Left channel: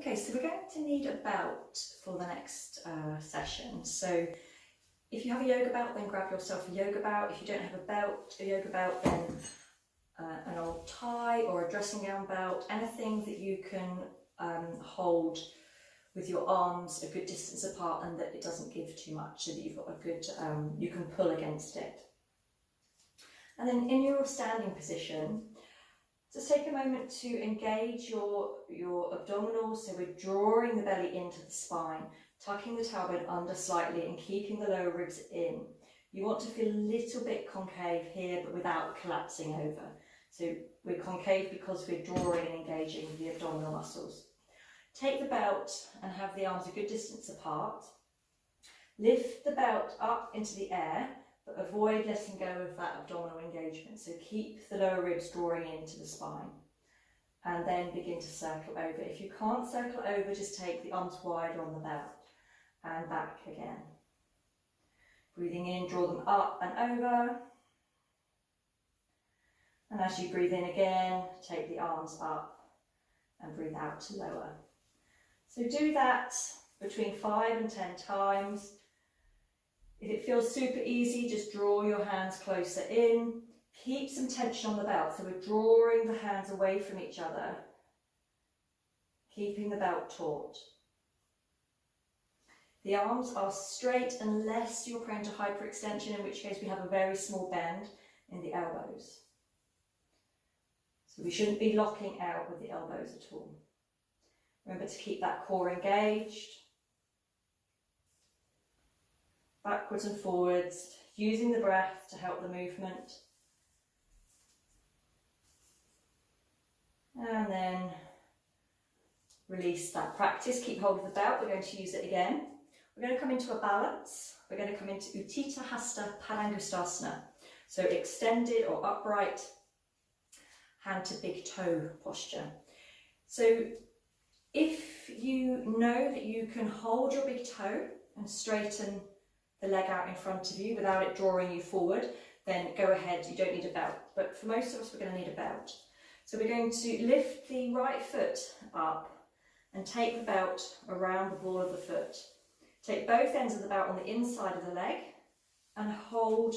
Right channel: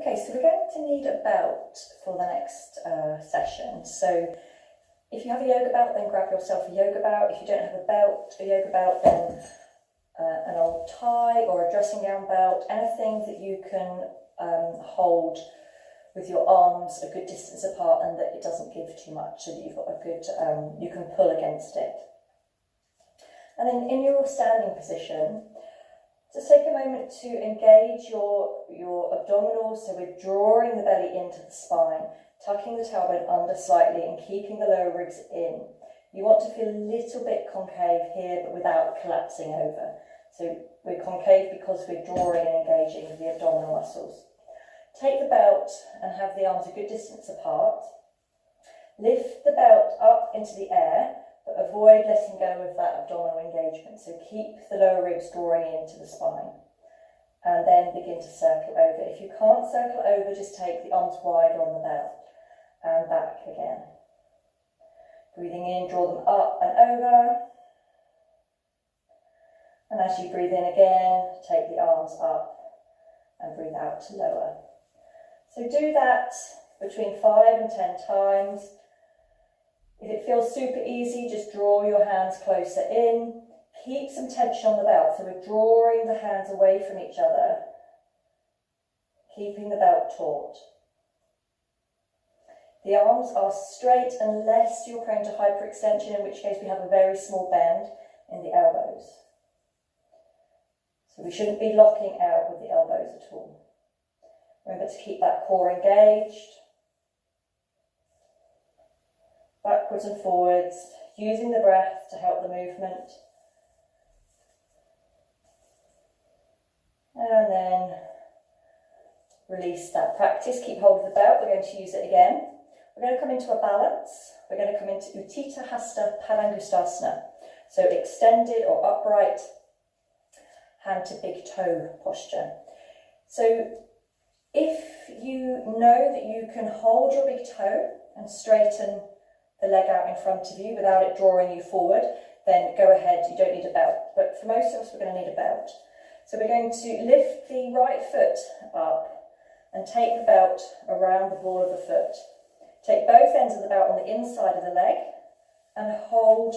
Okay, so we're going to need a belt for the next session. So if you have a yoga belt, then grab yourself a yoga belt. If you don't have a yoga belt, then an old tie or a dressing gown belt, anything that you can hold with your arms a good distance apart and that it doesn't give too much, so that you've got a good, you can pull against it. And then in your standing position, just take a moment to engage your abdominals, so we're drawing the belly into the spine, tucking the tailbone under slightly and keeping the lower ribs in. You want to feel a little bit concave here, but without collapsing over. So we're concave because we're drawing and engaging the abdominal muscles. Take the belt and have the arms a good distance apart. Lift the belt up into the air, but avoid letting go of that abdominal engagement. So keep the lower ribs drawing into the spine. And then begin to circle over. If you can't circle over, just take the arms wider on the belt and back again. Breathing in, draw them up and over. And as you breathe in again, take the arms up and breathe out to lower. So do that between 5 and 10 times. If it feels super easy, just draw your hands closer in. Keep some tension on the belt, so we're drawing the hands away from each other, keeping the belt taut. The arms are straight unless you're prone to hyperextension, in which case we have a very small bend in the elbows. So we shouldn't be locking out with the elbows at all. Remember to keep that core engaged. Backwards and forwards, using the breath to help the movement. And then release that practice. Keep hold of the belt. We're going to use it again. We're going to come into a balance. We're going to come into Utthita Hasta Padangusthasana. So extended or upright, hand to big toe posture. So if you know that you can hold your big toe and straighten the leg out in front of you without it drawing you forward, then go ahead, you don't need a belt. But for most of us, we're going to need a belt. So we're going to lift the right foot up and take the belt around the ball of the foot. Take both ends of the belt on the inside of the leg and hold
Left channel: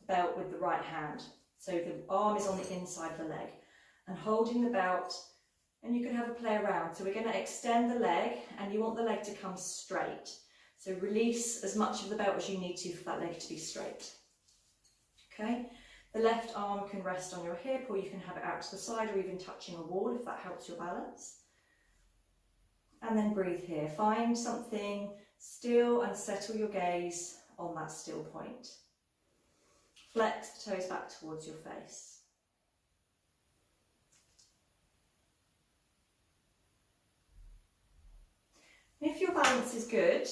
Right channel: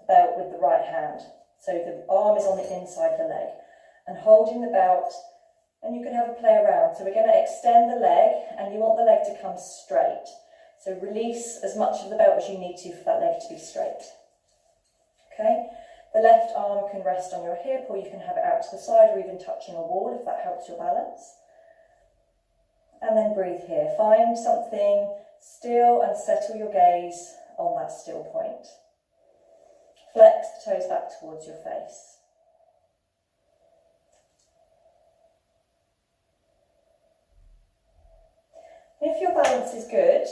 the belt with the right hand. So the arm is on the inside of the leg and holding the belt, and you can have a play around. So we're going to extend the leg and you want the leg to come straight. So release as much of the belt as you need to for that leg to be straight. Okay, the left arm can rest on your hip, or you can have it out to the side or even touching a wall if that helps your balance. And then breathe here. Find something still and settle your gaze on that still point. Flex the toes back towards your face. If your balance is good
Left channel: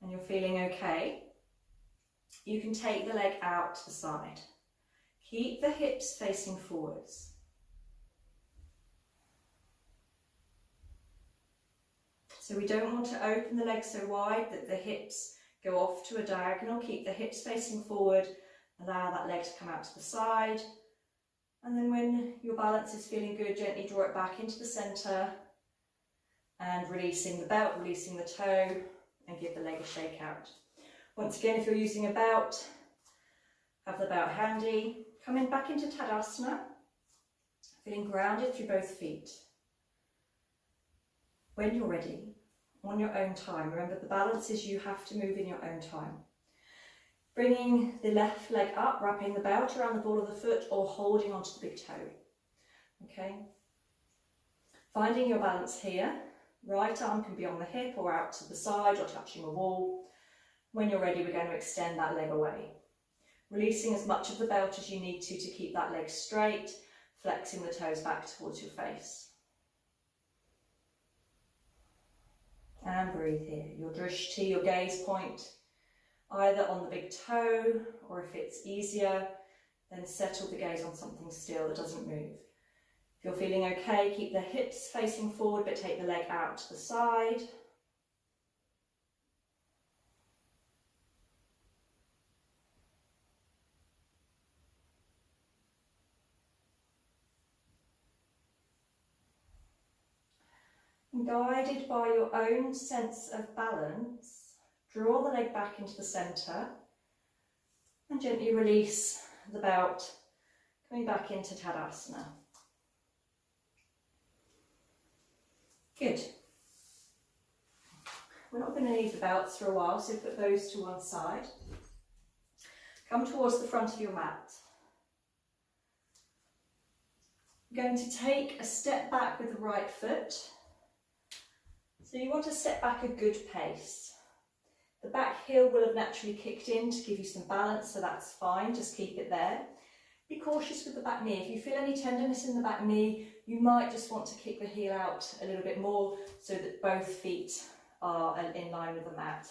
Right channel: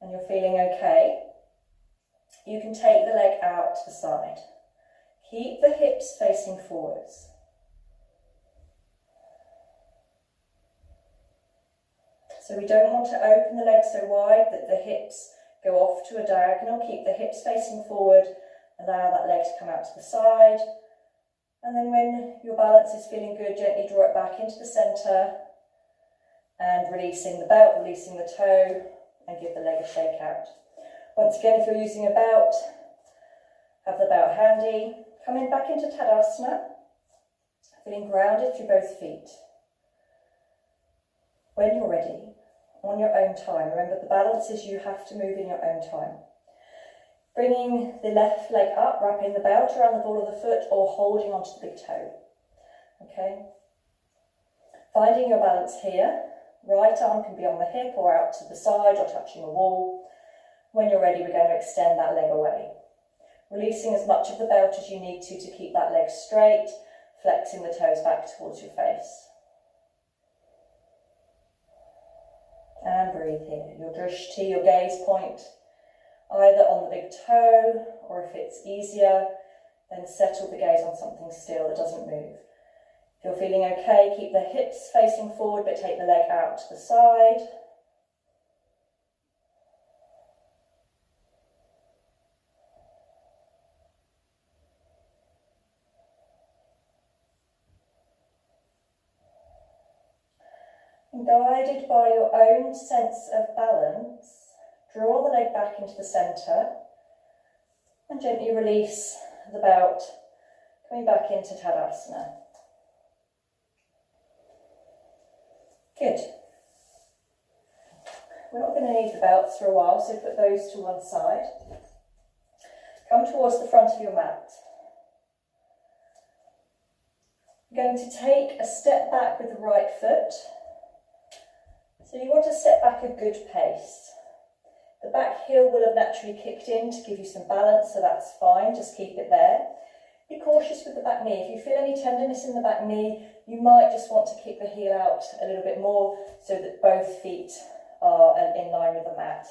and you're feeling okay, you can take the leg out to the side. Keep the hips facing forwards. So we don't want to open the leg so wide that the hips go off to a diagonal. Keep the hips facing forward, allow that leg to come out to the side. And then when your balance is feeling good, gently draw it back into the centre and releasing the belt, releasing the toe, and give the leg a shake out. Once again, if you're using a belt, have the belt handy. Coming back into Tadasana, feeling grounded through both feet. When you're ready, on your own time, remember the balance is you have to move in your own time. Bringing the left leg up, wrapping the belt around the ball of the foot or holding onto the big toe. Okay. Finding your balance here. Right arm can be on the hip or out to the side or touching a wall. When you're ready, we're going to extend that leg away. Releasing as much of the belt as you need to keep that leg straight, flexing the toes back towards your face. And breathe here. Your drishti, your gaze point, either on the big toe, or if it's easier, then settle the gaze on something still that doesn't move. If you're feeling okay, keep the hips facing forward, but take the leg out to the side. And guided by your own sense of balance, draw the leg back into the centre and gently release the belt, coming back into Tadasana. Good. We're not going to need the belts for a while, so put those to one side. Come towards the front of your mat. You're going to take a step back with the right foot. So you want to step back a good pace. The back heel will have naturally kicked in to give you some balance, so that's fine, just keep it there. Be cautious with the back knee. If you feel any tenderness in the back knee, you might just want to kick the heel out a little bit more so that both feet are in line with the mat.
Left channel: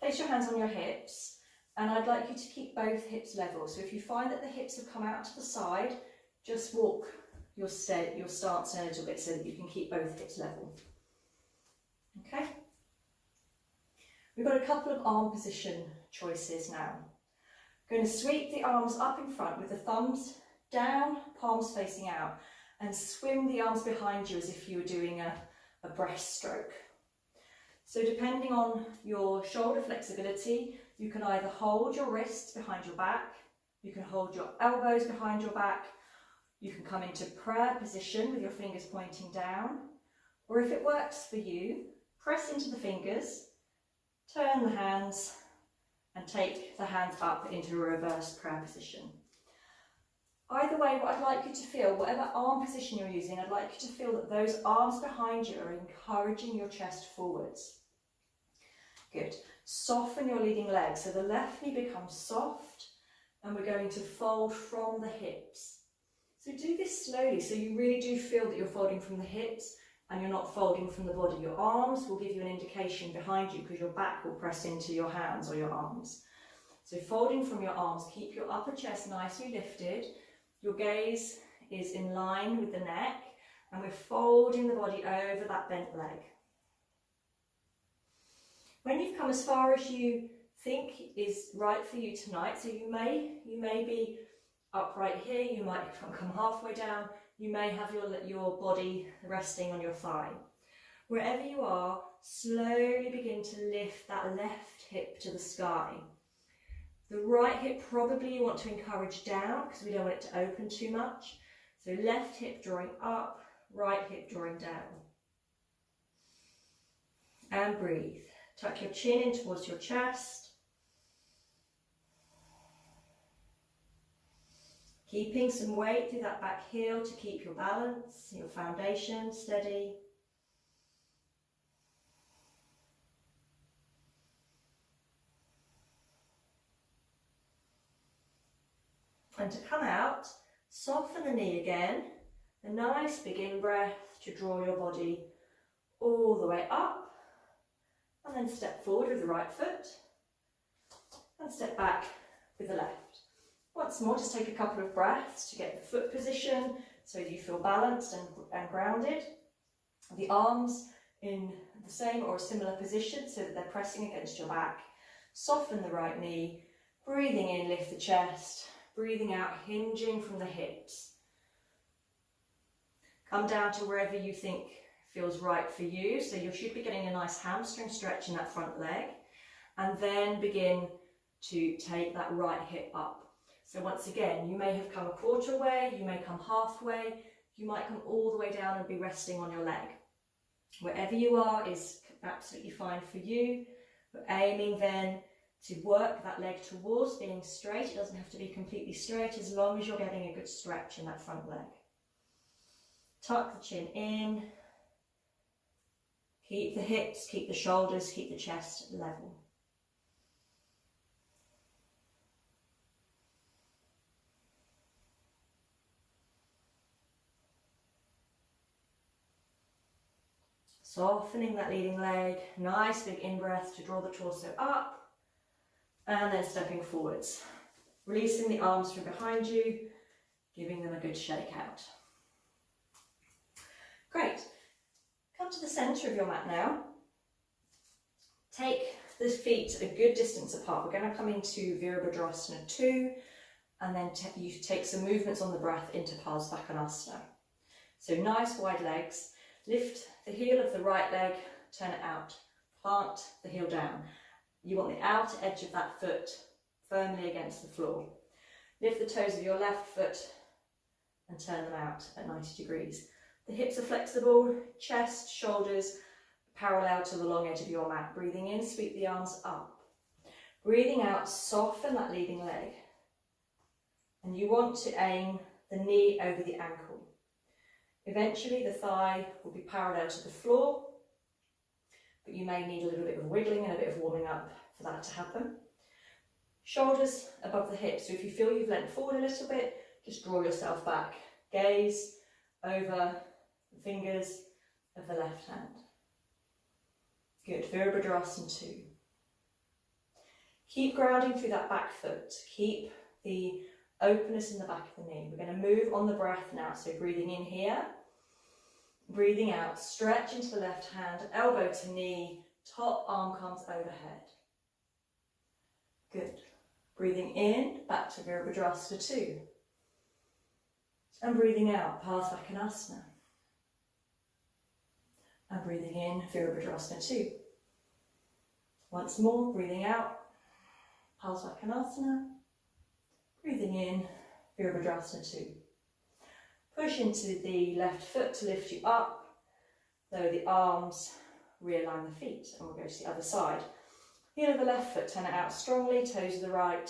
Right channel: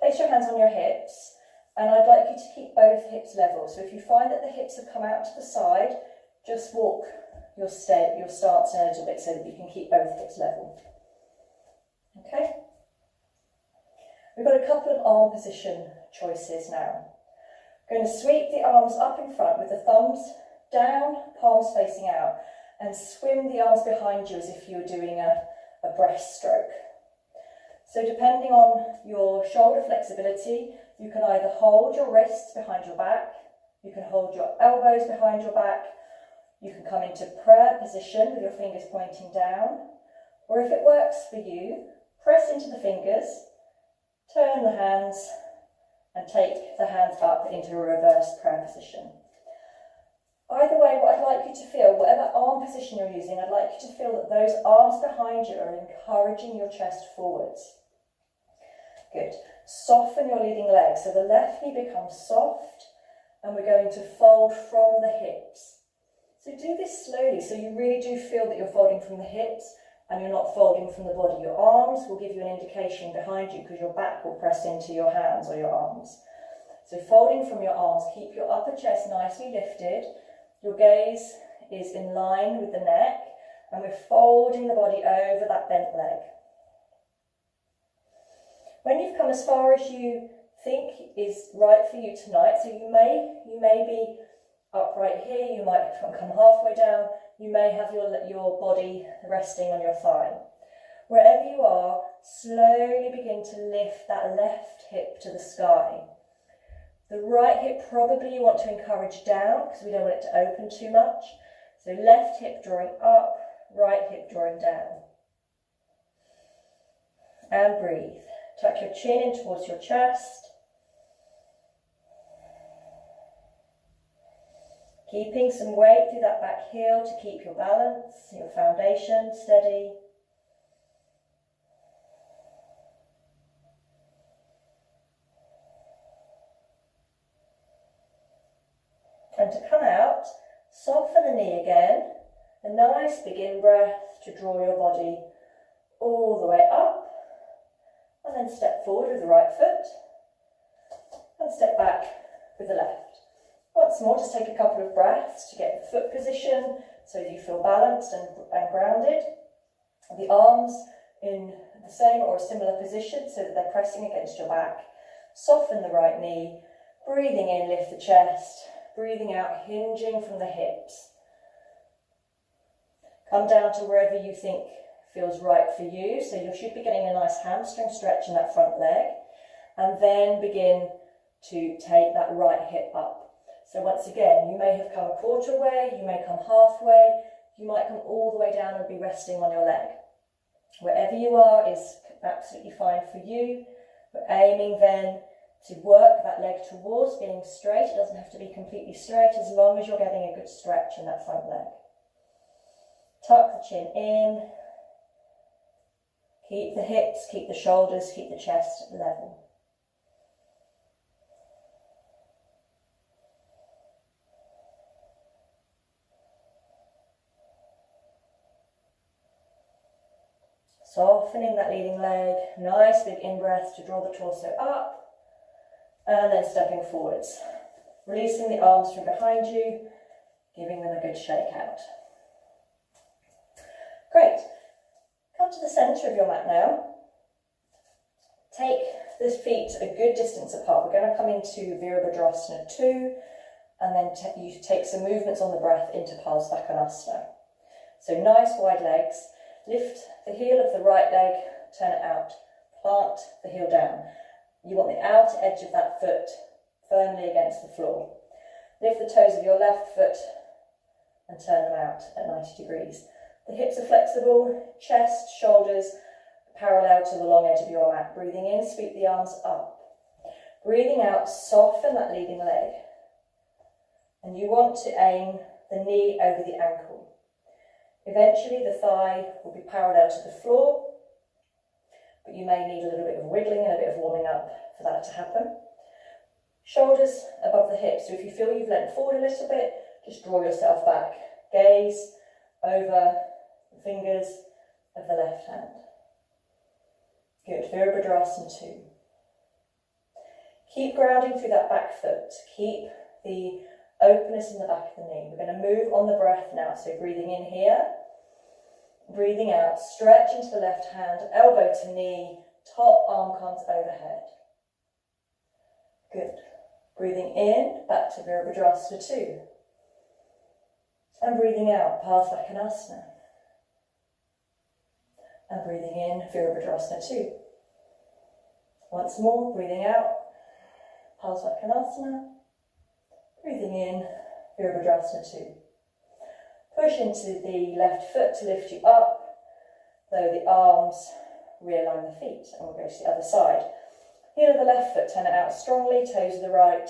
Place your hands on your hips, and I'd like you to keep both hips level. So if you find that the hips have come out to the side, just walk your stance in a little bit so that you can keep both hips level. Okay? We've got a couple of arm position choices now. We're going to sweep the arms up in front with the thumbs down, palms facing out, and swim the arms behind you as if you were doing a breaststroke. So depending on your shoulder flexibility, you can either hold your wrists behind your back, you can hold your elbows behind your back, you can come into prayer position with your fingers pointing down, or if it works for you, press into the fingers, turn the hands, and take the hands up into a reverse prayer position. Either way, what I'd like you to feel, whatever arm position you're using, I'd like you to feel that those arms behind you are encouraging your chest forwards. Good. Soften your leading leg, so the left knee becomes soft, and we're going to fold from the hips. So do this slowly, so you really do feel that you're folding from the hips and you're not folding from the body. Your arms will give you an indication behind you because your back will press into your hands or your arms. So folding from your arms, keep your upper chest nicely lifted. Your gaze is in line with the neck, and we're folding the body over that bent leg. When you've come as far as you think is right for you tonight, so you may be upright here, you might come halfway down, you may have your body resting on your thigh. Wherever you are, slowly begin to lift that left hip to the sky. The right hip probably you want to encourage down because we don't want it to open too much. So left hip drawing up, right hip drawing down. And breathe. Tuck your chin in towards your chest. Keeping some weight through that back heel to keep your balance, your foundation steady. And to come out, soften the knee again. A nice big in-breath to draw your body all the way up. And then step forward with the right foot. And step back with the left. Once more, just take a couple of breaths to get the foot position so you feel balanced and grounded. The arms in the same or a similar position so that they're pressing against your back. Soften the right knee. Breathing in, lift the chest. Breathing out, hinging from the hips. Come down to wherever you think feels right for you. So you should be getting a nice hamstring stretch in that front leg. And then begin to take that right hip up. So once again, you may have come a quarter way, you may come halfway, you might come all the way down and be resting on your leg. Wherever you are is absolutely fine for you. But aiming then to work that leg towards being straight. It doesn't have to be completely straight as long as you're getting a good stretch in that front leg. Tuck the chin in. Keep the hips, keep the shoulders, keep the chest level. Softening that leading leg, nice big in-breath to draw the torso up. And then stepping forwards, releasing the arms from behind you, giving them a good shake out. Great. Come to the centre of your mat now. Take the feet a good distance apart. We're going to come into Virabhadrasana 2, and then you take some movements on the breath into Parsvakonasana. So nice wide legs. Lift the heel of the right leg, turn it out. Plant the heel down. You want the outer edge of that foot firmly against the floor. Lift the toes of your left foot and turn them out at 90 degrees. The hips are flexible, chest, shoulders parallel to the long edge of your mat. Breathing in, sweep the arms up. Breathing out, soften that leading leg. And you want to aim the knee over the ankle. Eventually the thigh will be parallel to the floor, but you may need a little bit of wiggling and a bit of warming up for that to happen. Shoulders above the hips, so if you feel you've leant forward a little bit, just draw yourself back. Gaze over the fingers of the left hand. Good, Virabhadrasana 2. Keep grounding through that back foot. Keep the openness in the back of the knee. We're going to move on the breath now, so breathing in here. Breathing out, stretch into the left hand, elbow to knee, top arm comes overhead. Good. Breathing in, back to Virabhadrasana 2. And breathing out, Parsvakonasana. And breathing in, Virabhadrasana 2. Once more, breathing out, Parsvakonasana. Breathing in, Virabhadrasana 2. Push into the left foot to lift you up, though the arms realign the feet, and we'll go to the other side. Heel of the left foot, turn it out strongly, toes of the right,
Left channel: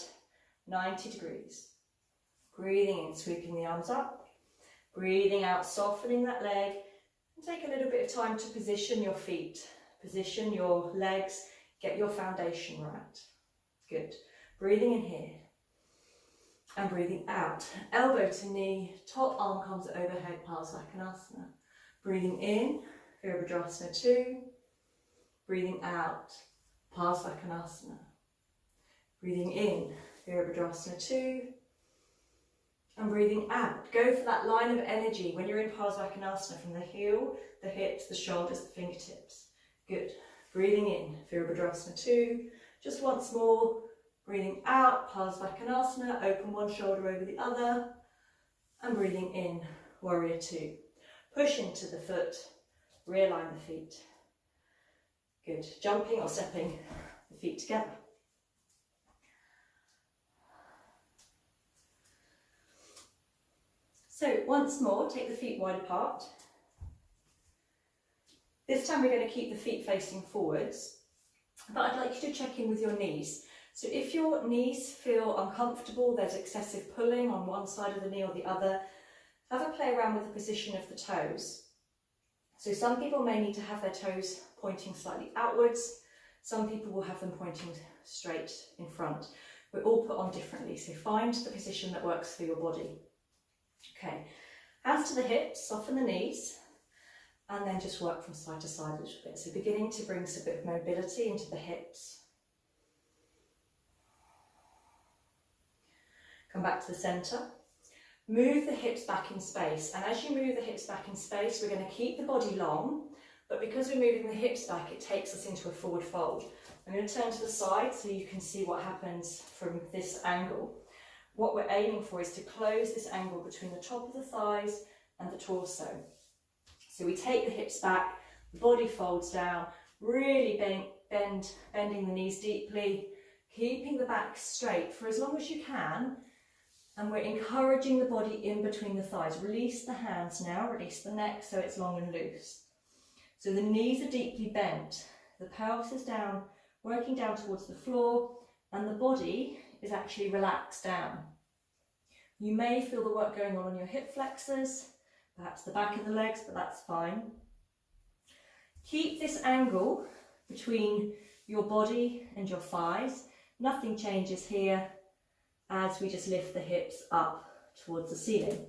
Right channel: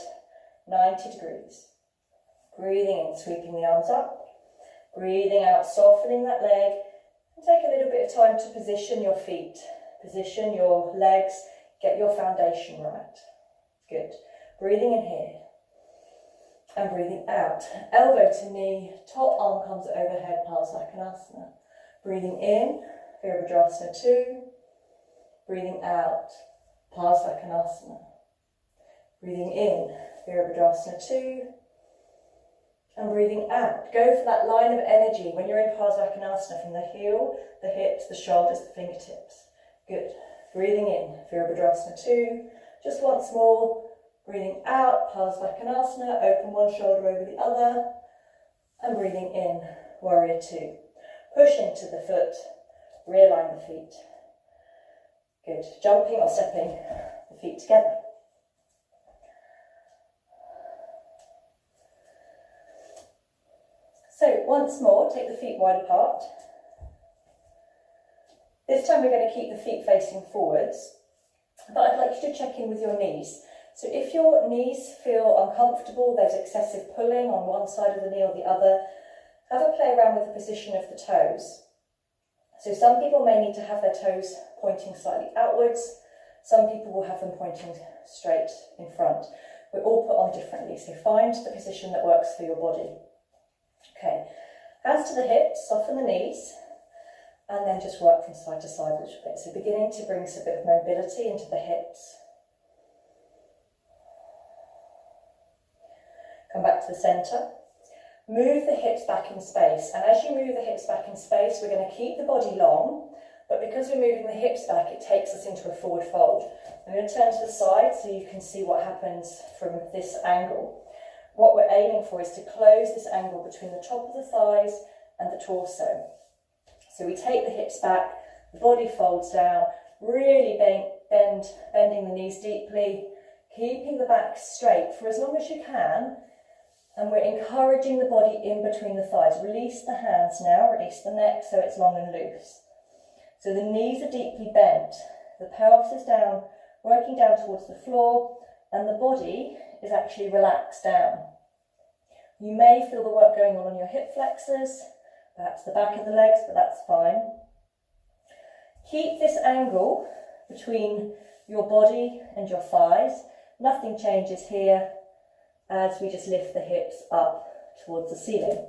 90 degrees. Breathing in, sweeping the arms up. Breathing out, softening that leg, and take a little bit of time to position your feet, position your legs, get your foundation right. Good. Breathing in here. And breathing out, elbow to knee, top arm comes overhead, Parsvakonasana. Breathing in, Virabhadrasana 2. Breathing out, Parsvakonasana. Breathing in, Virabhadrasana 2. And breathing out. Go for that line of energy when you're in Parsvakonasana, from the heel, the hips, the shoulders, the fingertips. Good. Breathing in, Virabhadrasana 2. Just once more. Breathing out, Parsvakonasana, open one shoulder over the other, and breathing in, Warrior 2. Push into the foot, realign the feet. Good, jumping or stepping the feet together. So once more, take the feet wide apart. This time we're going to keep the feet facing forwards, but I'd like you to check in with your knees. So if your knees feel uncomfortable, there's excessive pulling on one side of the knee or the other, have a play around with the position of the toes. So some people may need to have their toes pointing slightly outwards, some people will have them pointing straight in front. We're all put on differently, so find the position that works for your body. Okay, hands to the hips, soften the knees, and then just work from side to side a little bit. So beginning to bring a bit of mobility into the hips. Come back to the centre. Move the hips back in space, and as you move the hips back in space, we're going to keep the body long, but because we're moving the hips back, it takes us into a forward fold. I'm going to turn to the side so you can see what happens from this angle. What we're aiming for is to close this angle between the top of the thighs and the torso. So we take the hips back, the body folds down, really bending the knees deeply, keeping the back straight for as long as you can. And we're encouraging the body in between the thighs. Release the hands now, release the neck so it's long and loose. So the knees are deeply bent, the pelvis is down, working down towards the floor, and the body is actually relaxed down. You may feel the work going on your hip flexors, perhaps the back of the legs, but that's fine. Keep this angle between your body and your thighs. Nothing changes here, as we just lift the hips up towards the ceiling.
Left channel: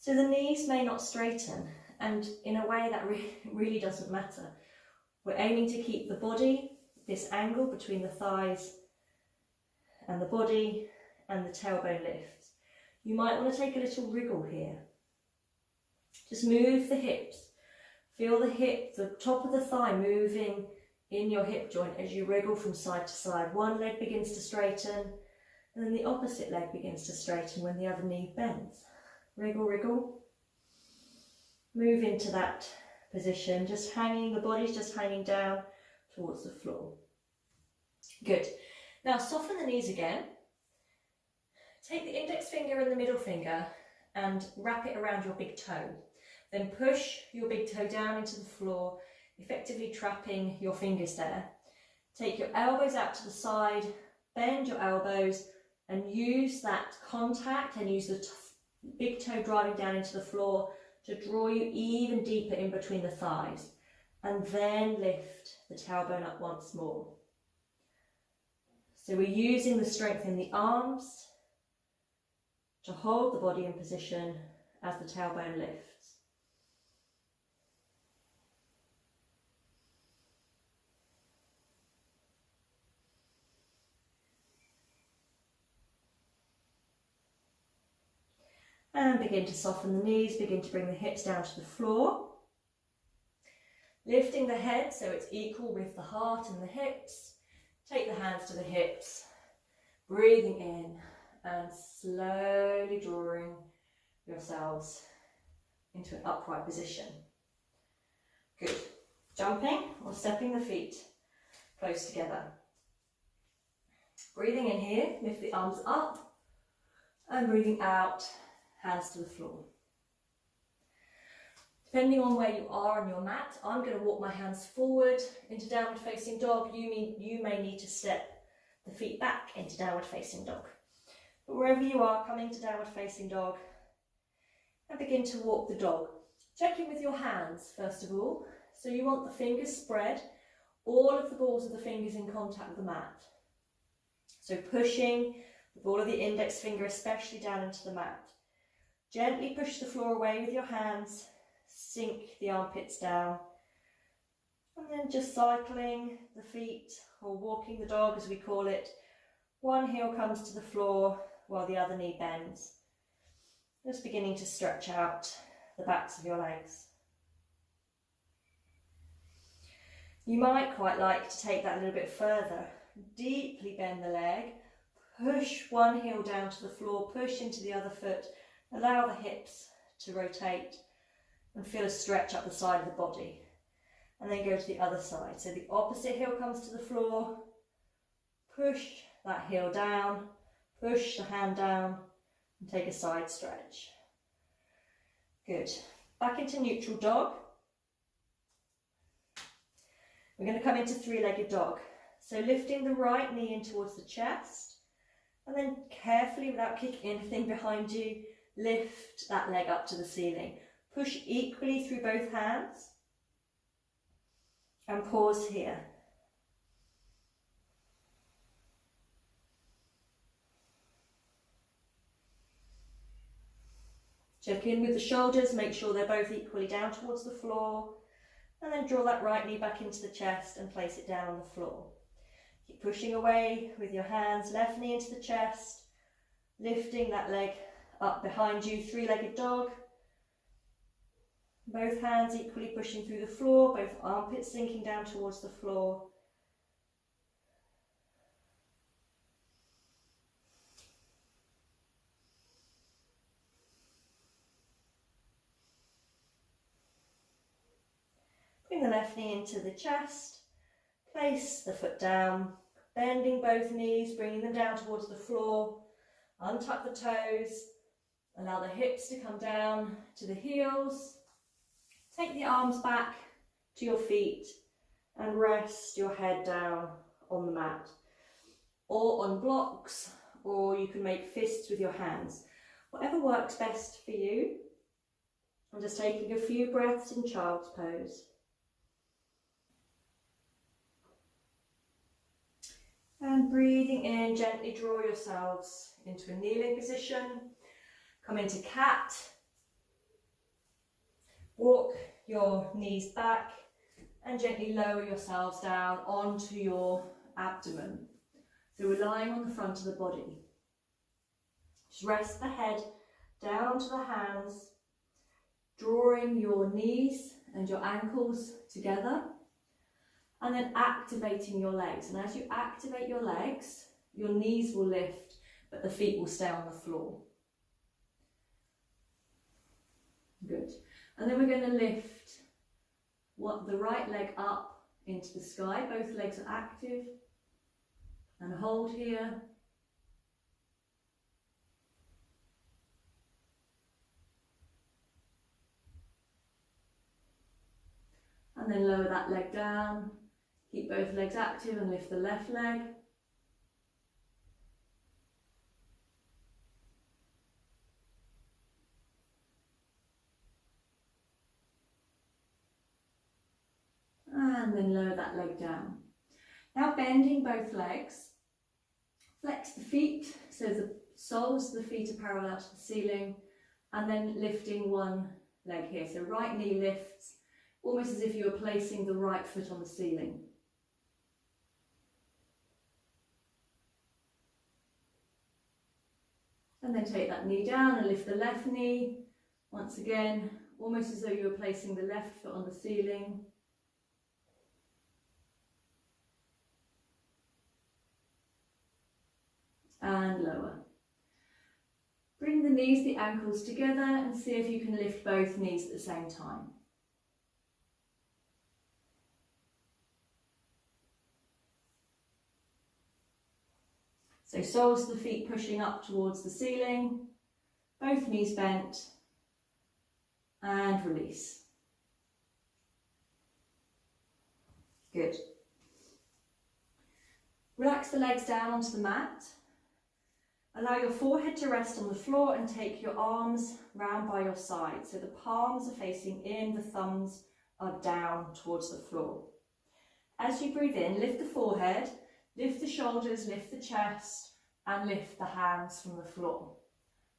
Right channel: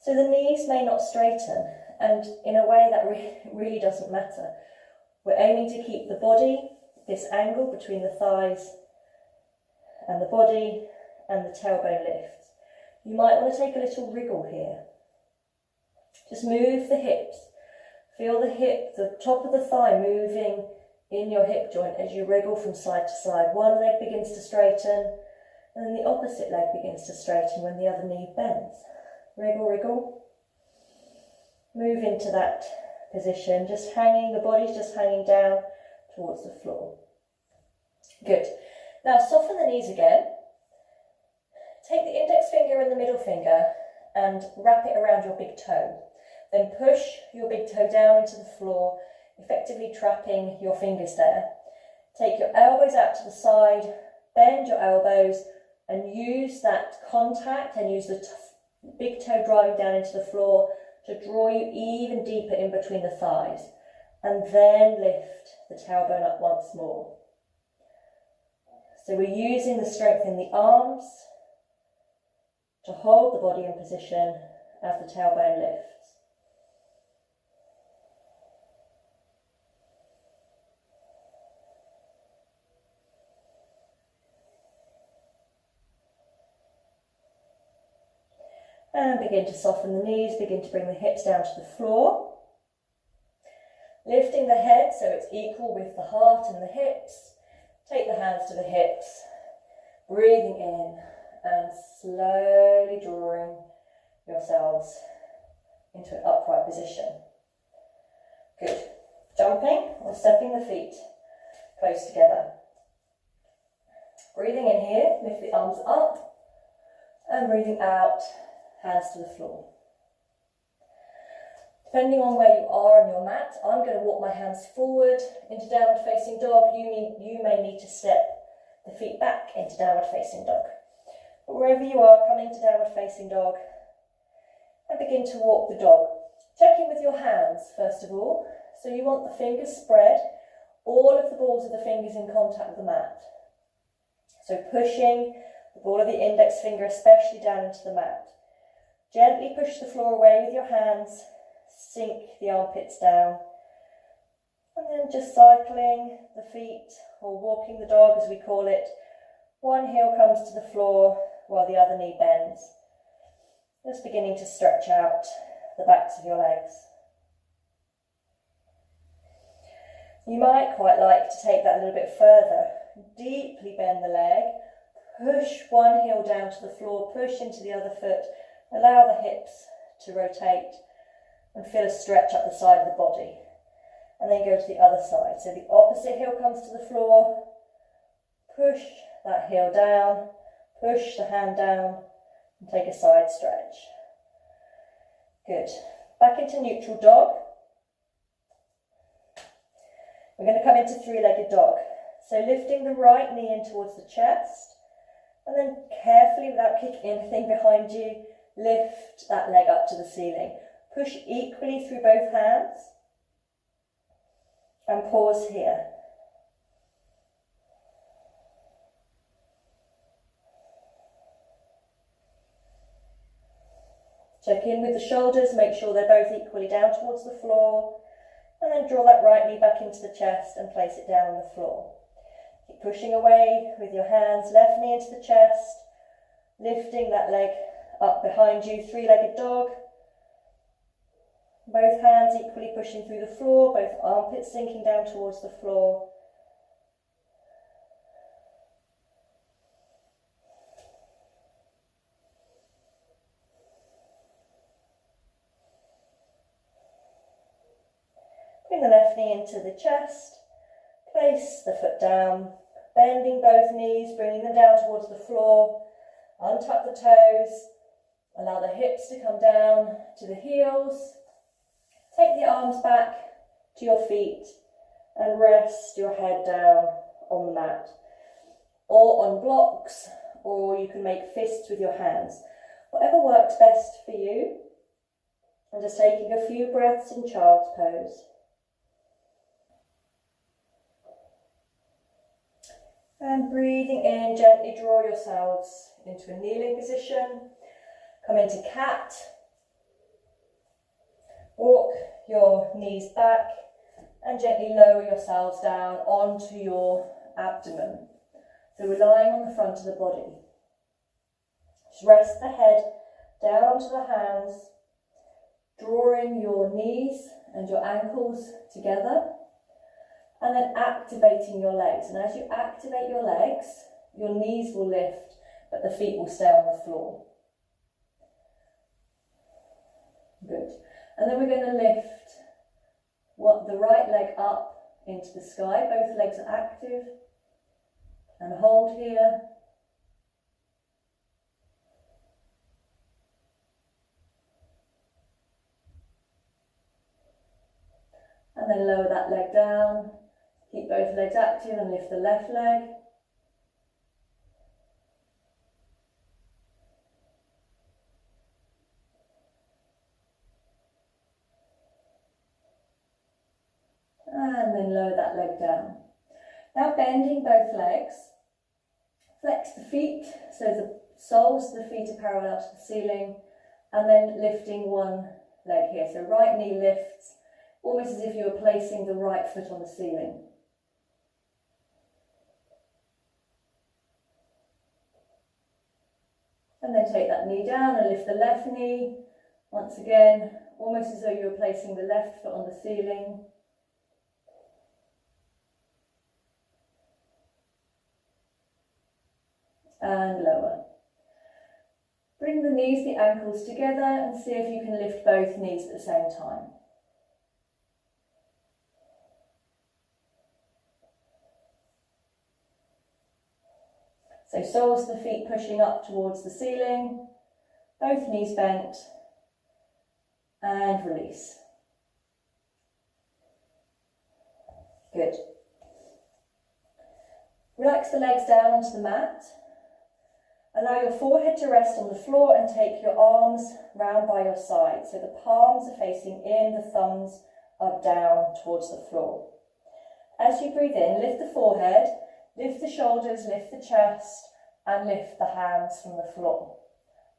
So the knees may not straighten, and in a way that really doesn't matter. We're aiming to keep the body, this angle between the thighs and the body, and the tailbone lifts. You might want to take a little wriggle here. Just move the hips. Feel the hip, the top of the thigh moving in your hip joint as you wriggle from side to side. One leg begins to straighten, and then the opposite leg begins to straighten when the other knee bends. Wriggle, wriggle. Move into that position, just hanging, the body's just hanging down towards the floor. Good. Now soften the knees again. Take the index finger and the middle finger and wrap it around your big toe. Then push your big toe down into the floor, effectively trapping your fingers there. Take your elbows out to the side, bend your elbows and use that contact and use the big toe driving down into the floor to draw you even deeper in between the thighs. And then lift the tailbone up once more. So we're using the strength in the arms to hold the body in position as the tailbone lifts. And begin to soften the knees, begin to bring the hips down to the floor. Lifting the head so it's equal with the heart and the hips. Take the hands to the hips, breathing in and slowly drawing yourselves into an upright position. Good. Jumping or stepping the feet close together. Breathing in here, lift the arms up and breathing out, hands to the floor. Depending on where you are on your mat, I'm going to walk my hands forward into downward facing dog. You may need to step the feet back into downward facing dog. But wherever you are, come into downward facing dog and begin to walk the dog. Check in with your hands first of all. So you want the fingers spread, all of the balls of the fingers in contact with the mat. So pushing the ball of the index finger especially down into the mat. Gently push the floor away with your hands. Sink the armpits down and then just cycling the feet or walking the dog as we call it. One heel comes to the floor while the other knee bends. Just beginning to stretch out the backs of your legs. You might quite like to take that a little bit further. Deeply bend the leg, push one heel down to the floor, push into the other foot, allow the hips to rotate and feel a stretch up the side of the body. And then go to the other side. So the opposite heel comes to the floor, push that heel down, push the hand down and take a side stretch. Good. Back into neutral dog. We're going to come into three-legged dog. So lifting the right knee in towards the chest and then carefully, without kicking anything behind you, lift that leg up to the ceiling. Push equally through both hands and pause here. Check in with the shoulders, make sure they're both equally down towards the floor, and then draw that right knee back into the chest and place it down on the floor. Keep pushing away with your hands, left knee into the chest, lifting that leg up behind you, three-legged dog. Both hands equally pushing through the floor, both armpits sinking down towards the floor. Bring the left knee into the chest, place the foot down, bending both knees, bringing them down towards the floor, untuck the toes, allow the hips to come down to the heels. Take the arms back to your feet and rest your head down on the mat or on blocks, or you can make fists with your hands. Whatever works best for you. And just taking a few breaths in child's pose. And breathing in, gently draw yourselves into a kneeling position. Come into cat. Walk your knees back and gently lower yourselves down onto your abdomen. So we're lying on the front of the body. Just rest the head down onto the hands, drawing your knees and your ankles together, and then activating your legs. And as you activate your legs, your knees will lift, but the feet will stay on the floor. Good. And then we're going to lift the right leg up into the sky. Both legs are active. And hold here. And then lower that leg down. Keep both legs active and lift the left leg. And then lower that leg down. Now bending both legs. Flex the feet so the soles of the feet are parallel to the ceiling. And then lifting one leg here. So right knee lifts, almost as if you were placing the right foot on the ceiling. And then take that knee down and lift the left knee. Once again, almost as though you were placing the left foot on the ceiling. And lower. Bring the knees, the ankles together and see if you can lift both knees at the same time. So soles of the feet pushing up towards the ceiling, both knees bent, and release. Good. Relax the legs down onto the mat. Allow your forehead to rest on the floor and take your arms round by your side. So the palms are facing in, the thumbs are down towards the floor. As you breathe in, lift the forehead, lift the shoulders, lift the chest, and lift the hands from the floor.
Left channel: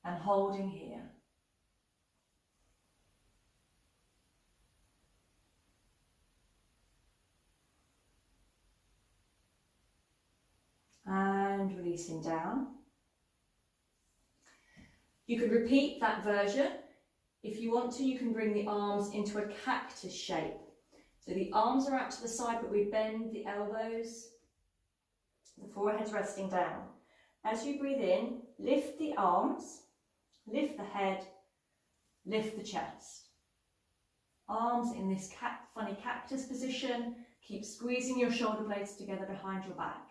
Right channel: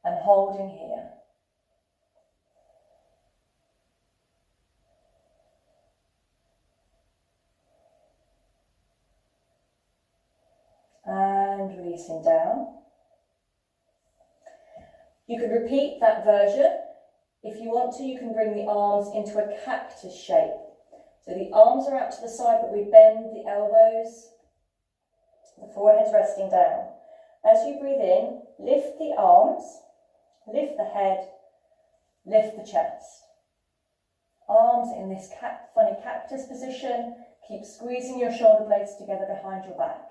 And holding here. And releasing down. You could repeat that version. If you want to, you can bring the arms into a cactus shape. So the arms are out to the side, but we bend the elbows. The forehead's resting down. As you breathe in, lift the arms, lift the head, lift the chest. Arms in this funny cactus position. Keep squeezing your shoulder blades together behind your back.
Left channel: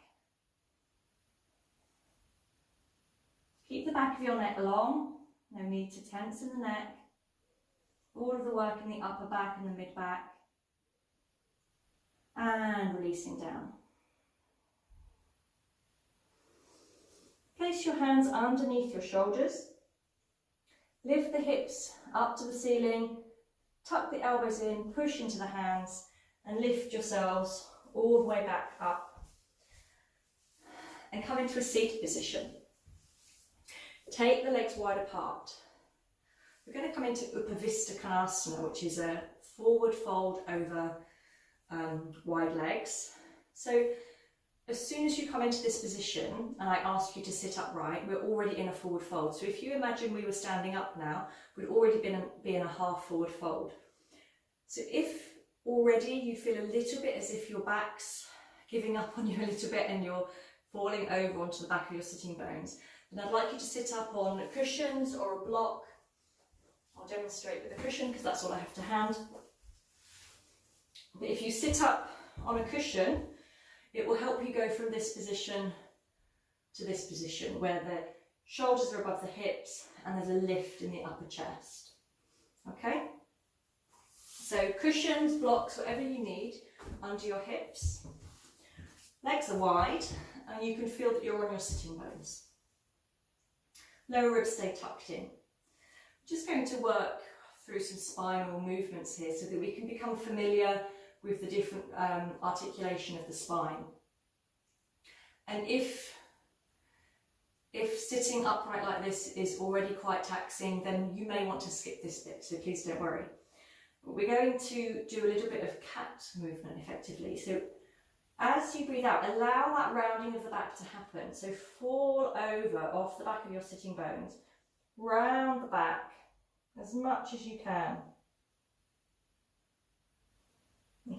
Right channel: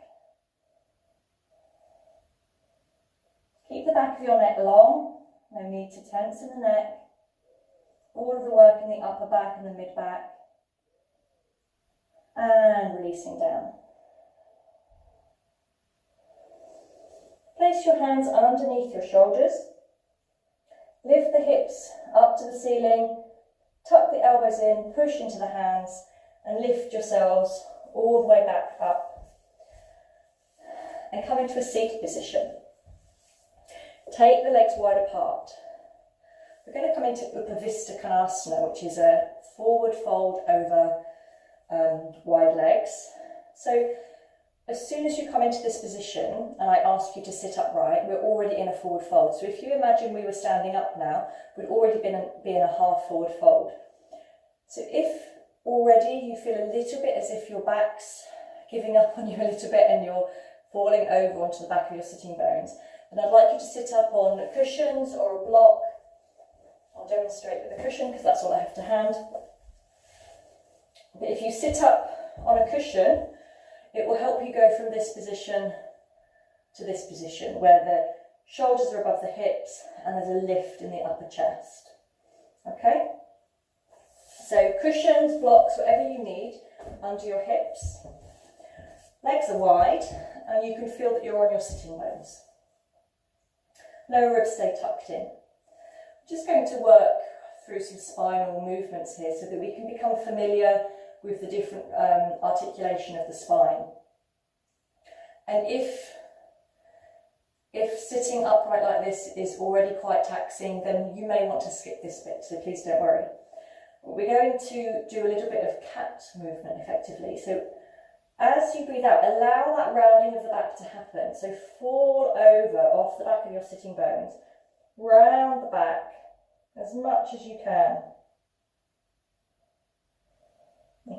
Keep the back of your neck long, no need to tense in the neck. All of the work in the upper back and the mid back. And releasing down. Place your hands underneath your shoulders. Lift the hips up to the ceiling. Tuck the elbows in, push into the hands, and lift yourselves all the way back up. And come into a seated position. Take the legs wide apart. We're going to come into Upavista Konasana, which is a forward fold over wide legs. So as soon as you come into this position and I ask you to sit upright, we're already in a forward fold. So if you imagine we were standing up now, we'd already be in a half forward fold. So if already you feel a little bit as if your back's giving up on you a little bit and you're falling over onto the back of your sitting bones, and I'd like you to sit up on cushions or a block. I'll demonstrate with a cushion because that's all I have to hand. But if you sit up on a cushion, it will help you go from this position to this position where the shoulders are above the hips and there's a lift in the upper chest. Okay? So cushions, blocks, whatever you need under your hips. Legs are wide and you can feel that you're on your sitting bones. Lower ribs stay tucked in. I'm just going to work through some spinal movements here so that we can become familiar with the different articulation of the spine. And if sitting upright like this is already quite taxing, then you may want to skip this bit, so please don't worry. We're going to do a little bit of cat movement effectively. So as you breathe out, allow that rounding of the back to happen. So fall over off the back of your sitting bones, round the back as much as you can.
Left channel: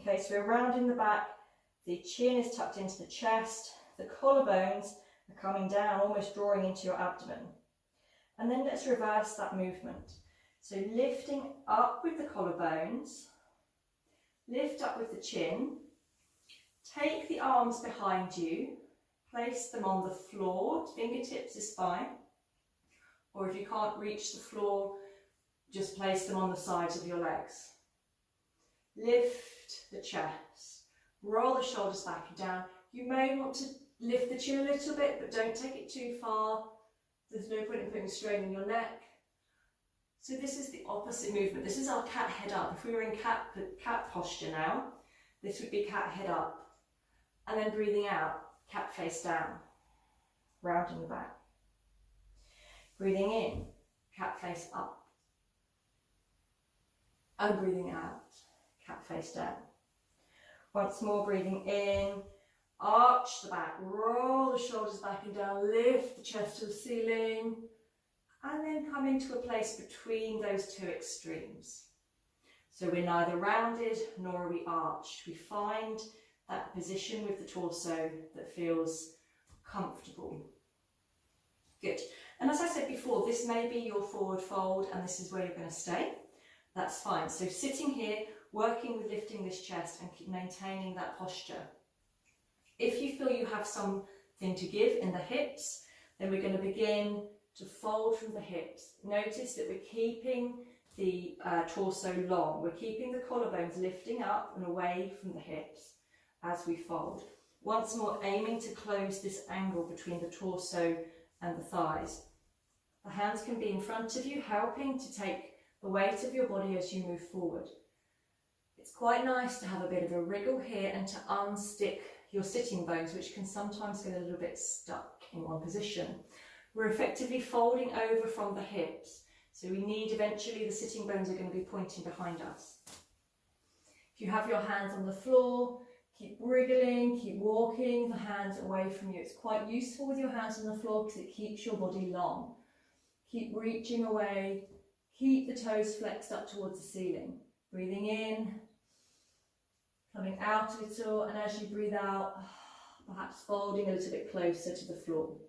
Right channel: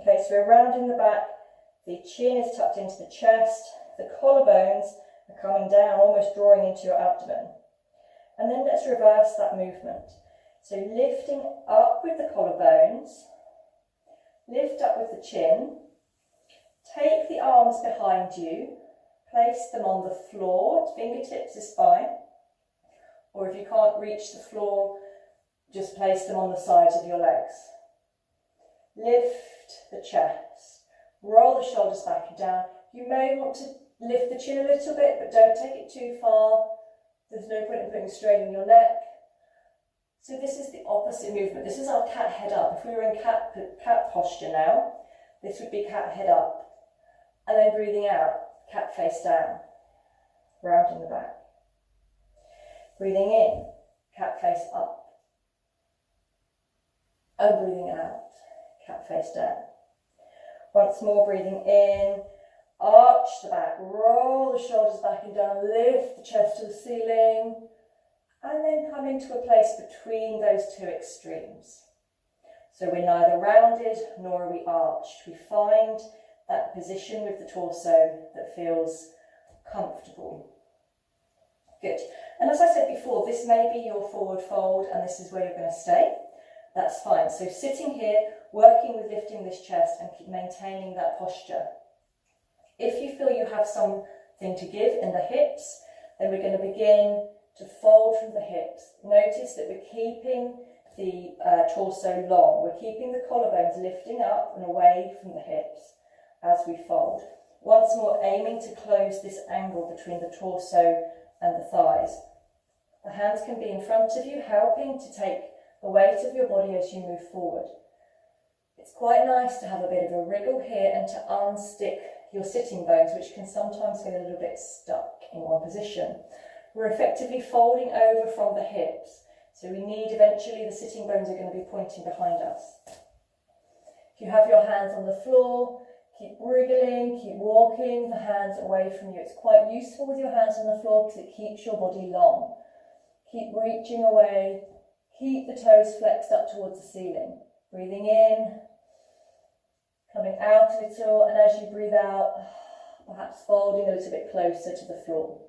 Okay, so we're rounding the back, the chin is tucked into the chest, the collarbones are coming down, almost drawing into your abdomen. And then let's reverse that movement. So lifting up with the collarbones, Lift up with the chin. Take the arms behind you. Place them on the floor. Fingertips is fine. Or if you can't reach the floor, just place them on the sides of your legs. Lift the chest. Roll the shoulders back and down. You may want to lift the chin a little bit, but don't take it too far. There's no point in putting strain in your neck. So this is the opposite movement. This is our cat head up. If we were in cat posture now, this would be cat head up. And then breathing out, cat face down, rounding the back. Breathing in, cat face up. And breathing out, cat face down. Once more, breathing in, arch the back, roll the shoulders back and down, lift the chest to the ceiling, and then come into a place between those two extremes. So we're neither rounded nor are we arched. We find that position with the torso that feels comfortable. Good. And as I said before, this may be your forward fold and this is where you're going to stay. That's fine. So sitting here, working with lifting this chest and keep maintaining that posture. If you feel you have something to give in the hips, then we're going to begin to fold from the hips. Notice that we're keeping the torso long. We're keeping the collarbones lifting up and away from the hips as we fold. Once more, aiming to close this angle between the torso and the thighs. The hands can be in front of you, helping to take the weight of your body as you move forward. It's quite nice to have a bit of a wriggle here and to unstick your sitting bones, which can sometimes get a little bit stuck in one position. We're effectively folding over from the hips, so we need eventually the sitting bones are going to be pointing behind us. If you have your hands on the floor, keep wriggling, keep walking the hands away from you. It's quite useful with your hands on the floor because it keeps your body long. Keep reaching away, keep the toes flexed up towards the ceiling. Breathing in, coming out a little, and as you breathe out, perhaps folding a little bit closer to the floor.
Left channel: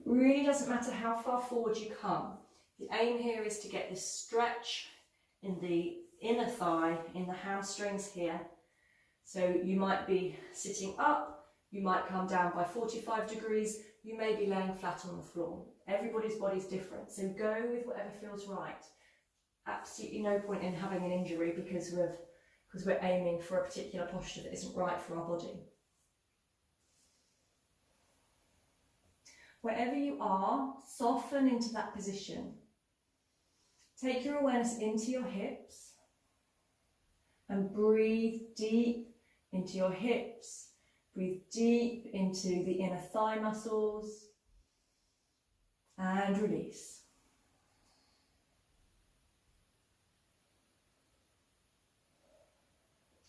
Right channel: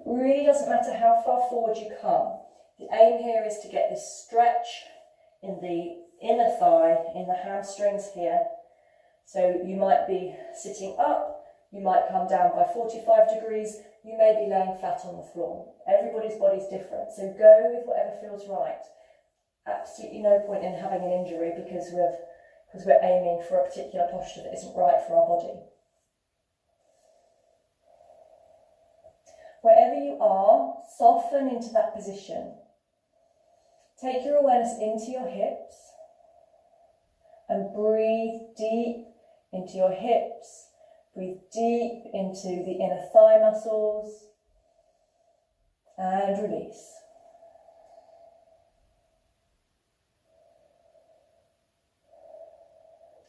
It really doesn't matter how far forward you come. The aim here is to get this stretch in the inner thigh, in the hamstrings here. So you might be sitting up, you might come down by 45 degrees, you may be laying flat on the floor. Everybody's body's different, so go with whatever feels right. Absolutely no point in having an injury because we're aiming for a particular posture that isn't right for our body. Wherever you are, soften into that position. Take your awareness into your hips and breathe deep into your hips. Breathe deep into the inner thigh muscles and release.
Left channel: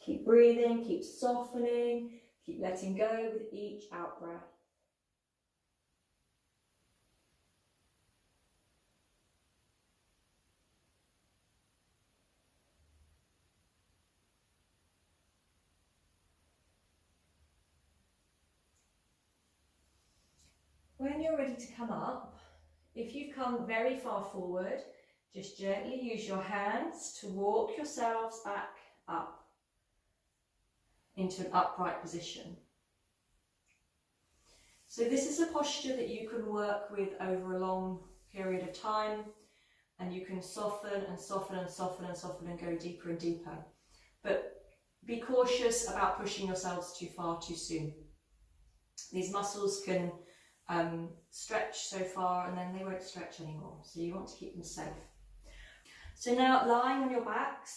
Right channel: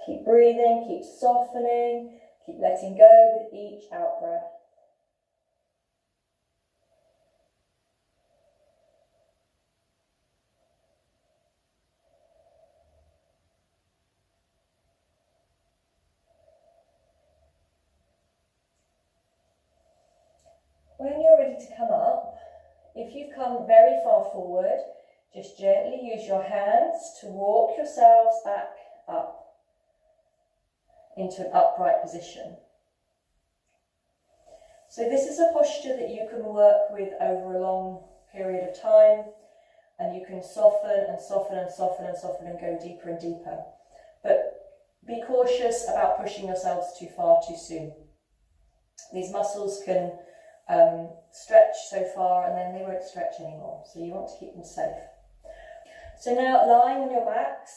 Keep breathing, keep softening, keep letting go with each out breath. When you're ready to come up, if you've come very far forward, just gently use your hands to walk yourselves back up into an upright position. So this is a posture that you can work with over a long period of time, and you can soften and soften and soften and soften and go deeper and deeper. But be cautious about pushing yourselves too far too soon. These muscles can stretch so far and then they won't stretch anymore, so you want to keep them safe. So now, lying on your backs,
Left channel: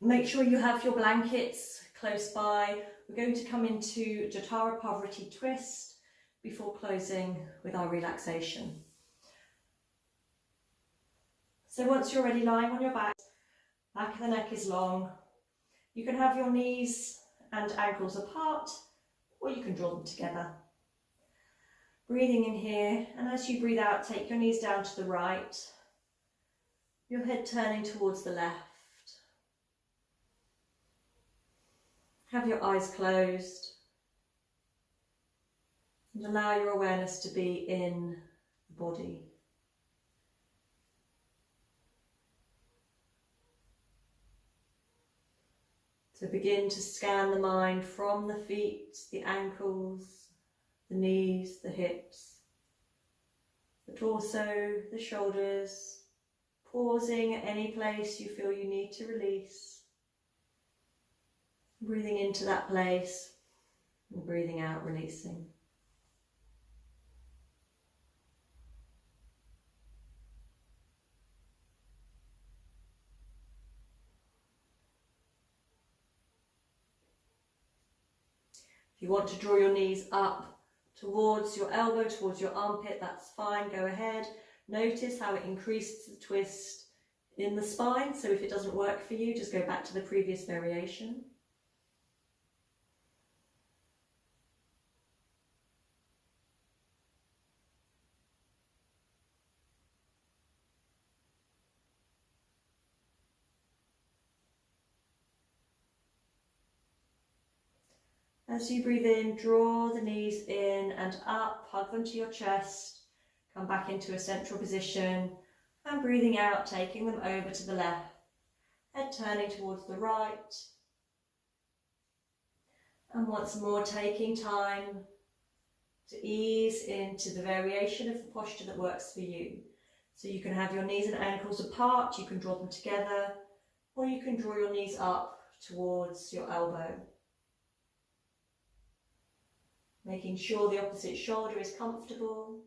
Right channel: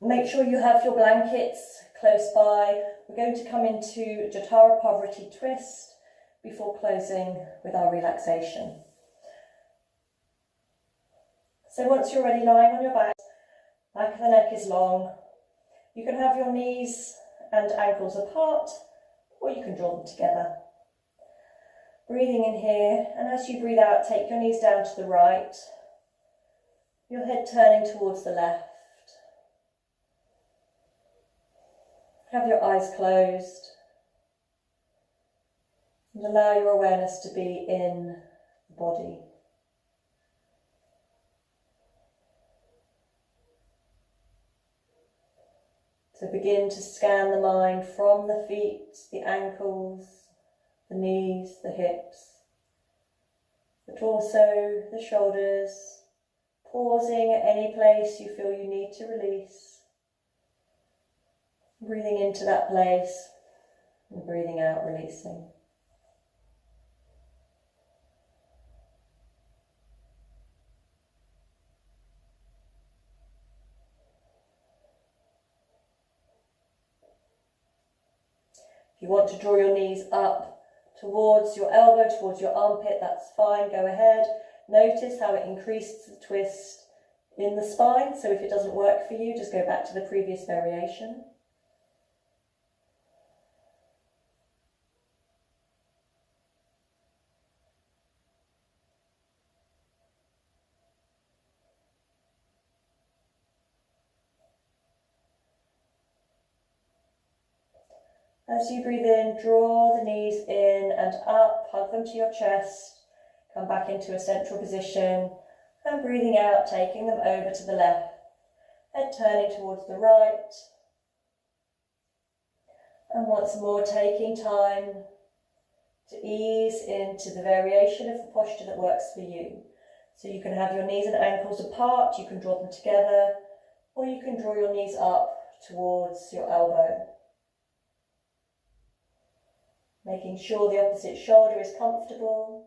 make sure you have your blankets close by. We're going to come into Jatara Pavariti twist before closing with our relaxation. So once you're ready, lying on your back of the neck is long. You can have your knees and ankles apart, or you can draw them together. Breathing in here, and as you breathe out, take your knees down to the right, your head turning towards the left. Have your eyes closed, and allow your awareness to be in the body. So begin to scan the mind from the feet, the ankles, the knees, the hips, the torso, the shoulders, pausing at any place you feel you need to release. Breathing into that place and breathing out, releasing. If you want to draw your knees up towards your elbow, towards your armpit, that's fine, go ahead. Notice how it increases the twist in the spine, so if it doesn't work for you, just go back to the previous variation. As you breathe in, draw the knees in and up, hug them to your chest, come back into a central position, and breathing out, taking them over to the left, head turning towards the right. And once more, taking time to ease into the variation of the posture that works for you. So you can have your knees and ankles apart, you can draw them together, or you can draw your knees up towards your elbow. Making sure the opposite shoulder is comfortable.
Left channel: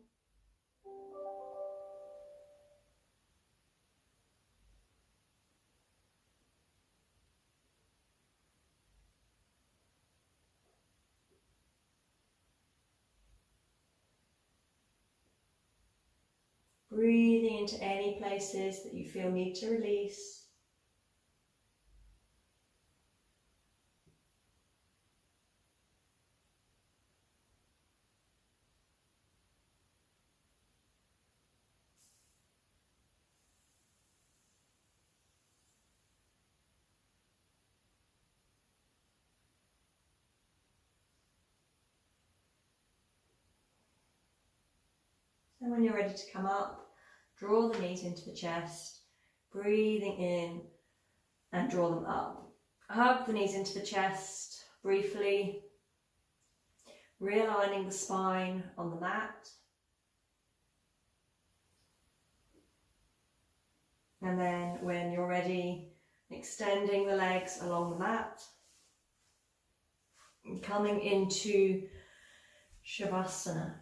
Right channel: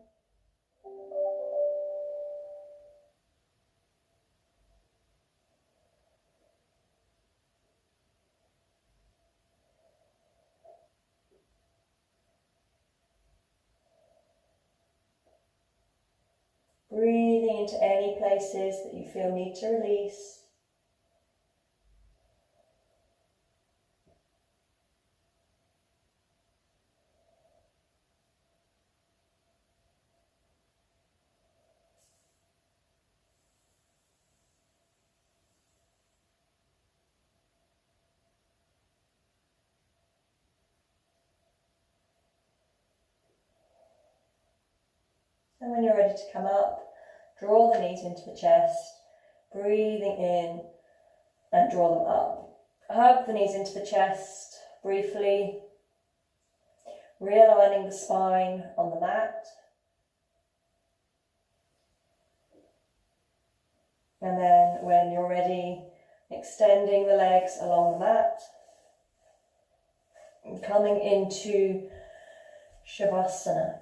Breathing into any places that you feel need to release. And when you're ready to come up, draw the knees into the chest, breathing in and draw them up. Hug the knees into the chest briefly, realigning the spine on the mat. And then when you're ready, extending the legs along the mat and coming into Shavasana.